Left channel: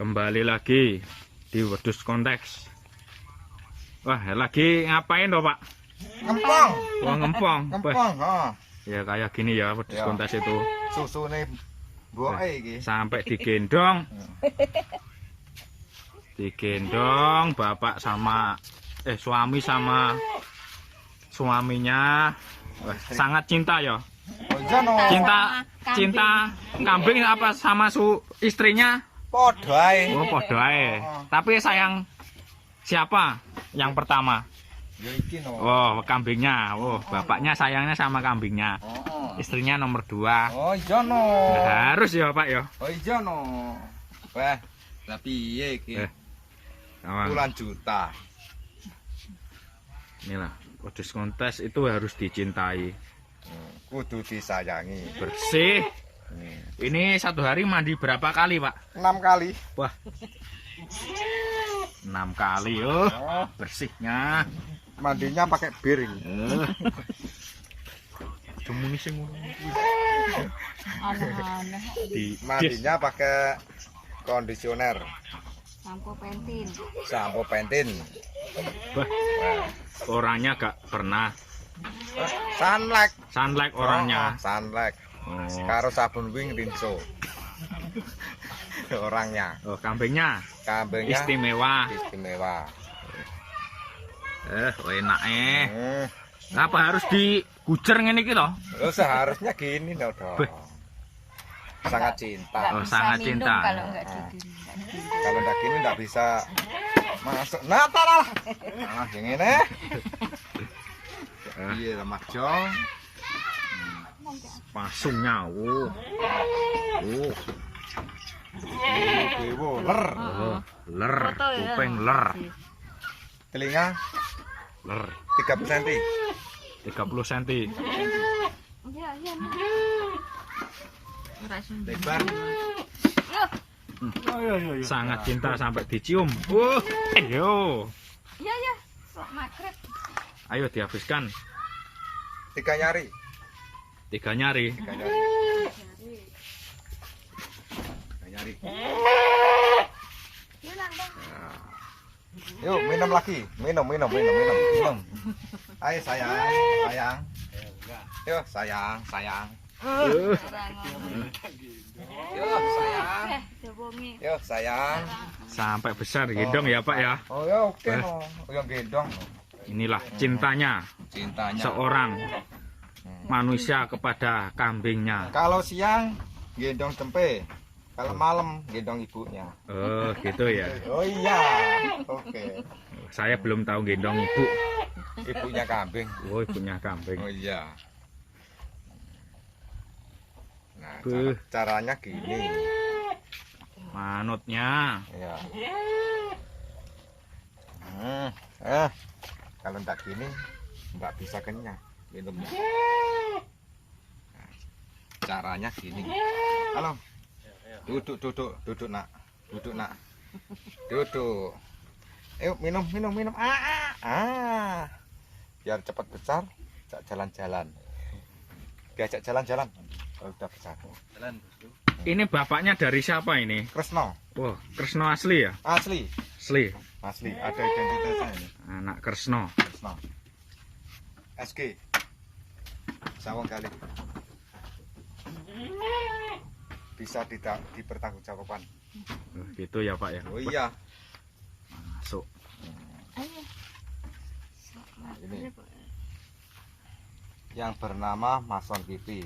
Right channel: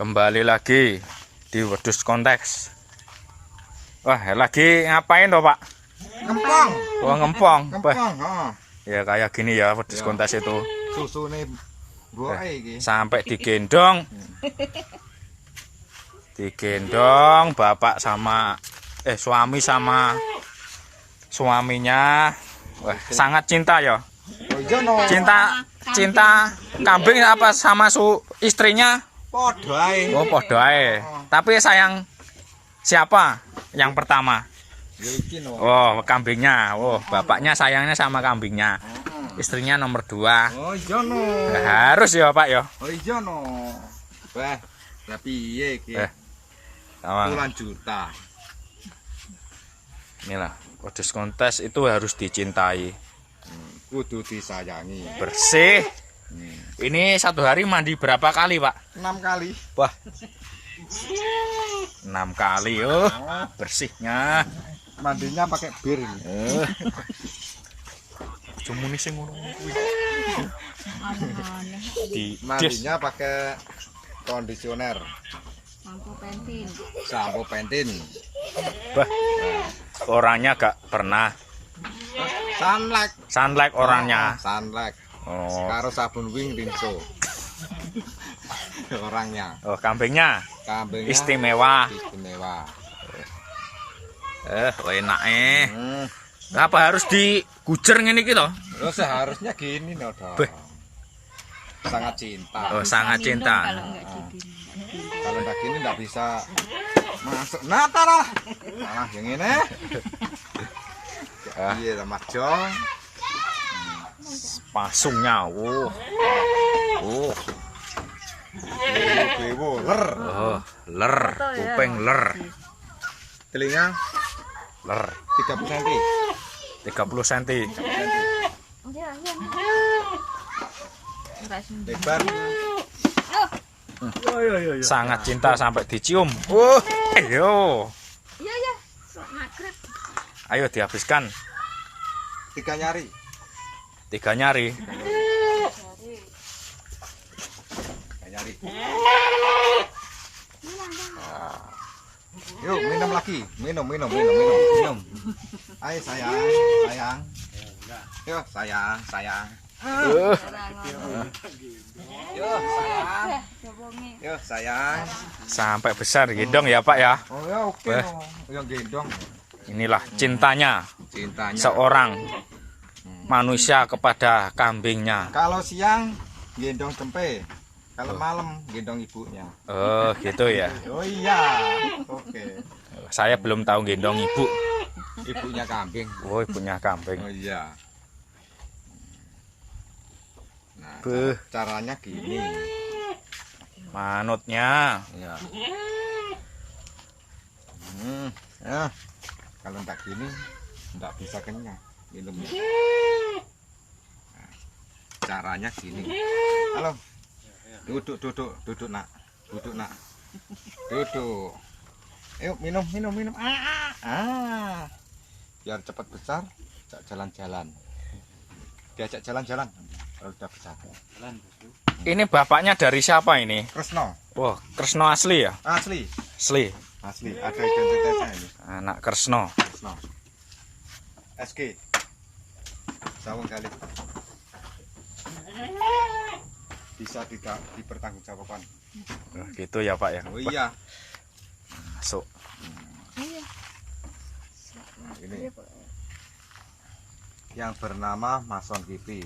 Kembali lagi di Wedhus Konteks. Wah, lagi ngapain toh, Pak? Ngempong. Wah, ngempong. Ngempong, Ya kayak gini ya Wedhus Ya. Konteks itu. Susune buake iki. Sampai digendong. Digendong bapak sama suami sama suaminya. Wah, sangat cinta ya. Oh iya no. Cinta kambing apa sama istrinya? Padha ae. Oh, podo ae. Tapi sayang siapa yang pertama? Ya iki no. Oh, kambingnya. Oh, bapaknya sayangnya sama kambingnya. Istrinya nomor 2. Oh iya no. Harus ya, Pak ya. Oh iya no. Wah, lah piye iki? Awang. Puluhan juta. Inilah, Wedhus Konteks itu harus dicintai. Kudu disayangi. Bersih. Ini satu hari mandi berapa kali, Pak? 6 kali. Wah. 6 kali, oh. Bersihnya. Mandinya pakai bir ini. Cuma sing ngono-ngono kuwi. Mandinya pakai kondisioner. Sampo pentin. Bah. Orangnya gak pernah sunlight orangnya. Sunlight. Oh. Karo sabun wing rinso. Orangnya. Oh, kambingnya Kambingnya istimewa. istimewa. Enak Apa harus digujer ngene iki to? Oh, seharusnya gini loh dong. Beh. Sangat cinta. Oh, sangat cinta. Kalau enggak gini enggak bisa masuk. Nah, talah. Nah, yang ini. Iya, Mas Jo. Pasungnya. Bewo, ler. Oh, ler, kuping ler. Telinga Ler 30 cm. 30 cm. Lebar. Sangat cinta sampai dicium. Ayo. Iya. Sok magrib. Ayo dihabiskan 3 nyari. 3 nyari. 3 nyari. Yuk, minum lagi. Minum. Ayo sayang. Yuk, sayang. Yuk, sayang. Sampai besar gendong ya, Pak ya. Oh ya, oke. Yang gendong. Inilah cintanya seorang manusia kepada kambingnya. Kalau siang gendong tempe, kalau malam gendong ibunya. Oh, gitu ya. Oh iya. Oke. Saya belum tahu gendong ibu. Ibunya kambing. Oh, ibunya kambing. Oh iya. Nah, Beuh. caranya gini. Manutnya. Ya. Kalau enggak gini enggak bisa kenyang minumnya. Nah, caranya gini. Halo. Duduk nak. Duduk. Ayo minum. Biar cepat besar, jalan-jalan. Diajak jalan-jalan. Kalau udah besar. Ini bapaknya dari siapa ini? Kresno. Wah, Kresno asli ya? Asli. Asli. Ada identitasnya ini. Anak Kresno. Kresno. SG. Sawang kali. Bisa tidak dipertanggungjawabkan. Oh, gitu ya, Pak ya. Oh iya. Masuk. Ini yang bernama Mason Kipi,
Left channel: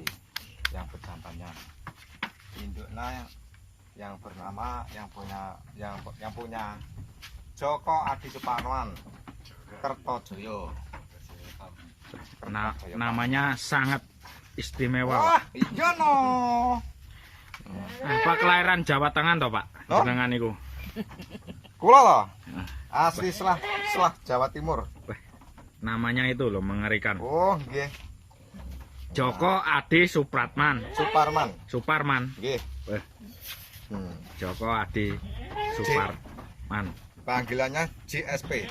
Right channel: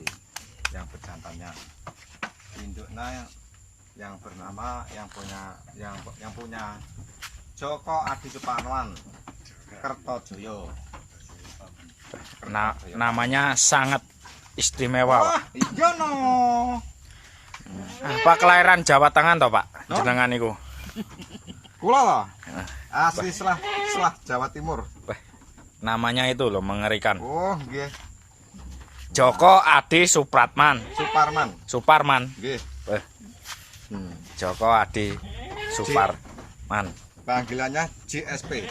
yang berjantannya. Induknya yang bernama yang punya Joko Adi Suparman, Kertojoyo. Namanya sangat istimewa, Pak. Wah, iya no. Apa kelahiran Jawa Tengah toh, Pak? Oh. Jenengan niku. Kula loh. Asli selah Jawa Timur. Namanya itu loh mengerikan. Oh, nggih. Joko Adi Suparman. Suparman. Nggih. Joko Adi Suparman. Panggilannya JSP.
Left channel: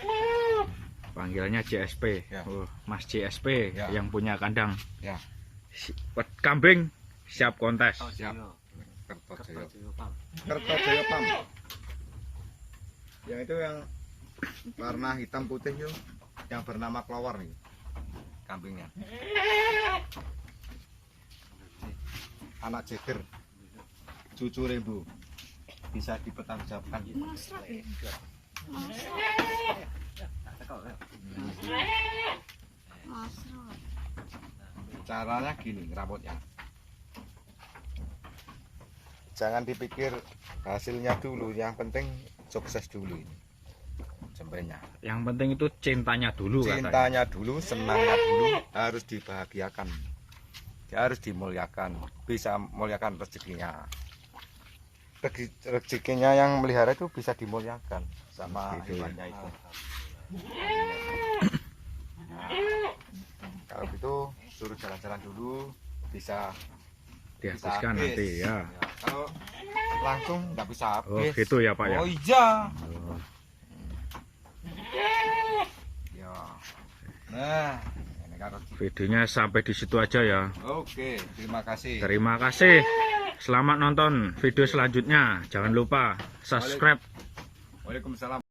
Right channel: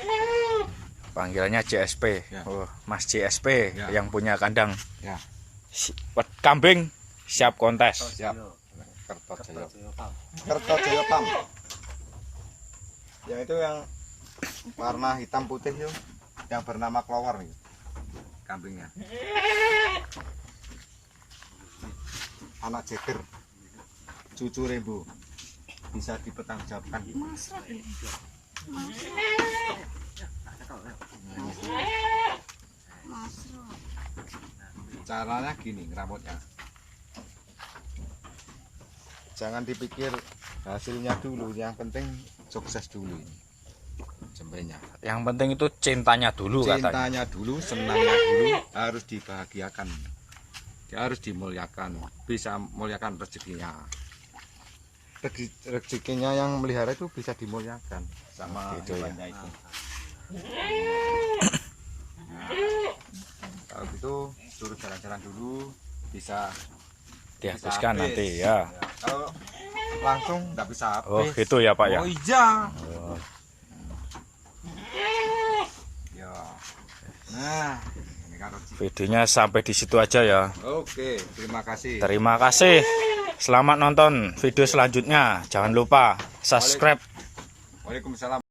Panggilannya JSP. Ya. Oh, Mas JSP Ya. yang punya kandang. Ya. Kambing siap kontes. Siap. Kertojoyo Pam. Yang itu yang warna hitam putih itu yang bernama Clover nih kambingnya. Anak jeger, cucu rembu, bisa dipertanggungjawabkan. Masrat ini. Masrat. Caranya gini ngerawatnya. Jangan dipikir hasilnya dulu, yang penting sukses dulu. Sembelihnya. Yang penting itu cintanya dulu katanya. Cintanya dulu, senangnya dulu, harus dibahagiakan. Dia harus dimuliakan, bisa muliakan rezekinya. Rezekinya yang melihara itu bisa dimuliakan sama Gitu ya. hewannya itu. Kalau gitu suruh jalan-jalan dulu, bisa Dihabiskan habis. nanti ya. Kalau langsung nggak bisa habis. Oh gitu ya Pak ya. Oh iya. Oh, Ya. Nah, ini kan rezeki. videonya sampai di situ aja ya. Oke, terima kasih. Terima kasih. Selamat nonton video selanjutnya. Jangan lupa subscribe. Waalaikumsalam.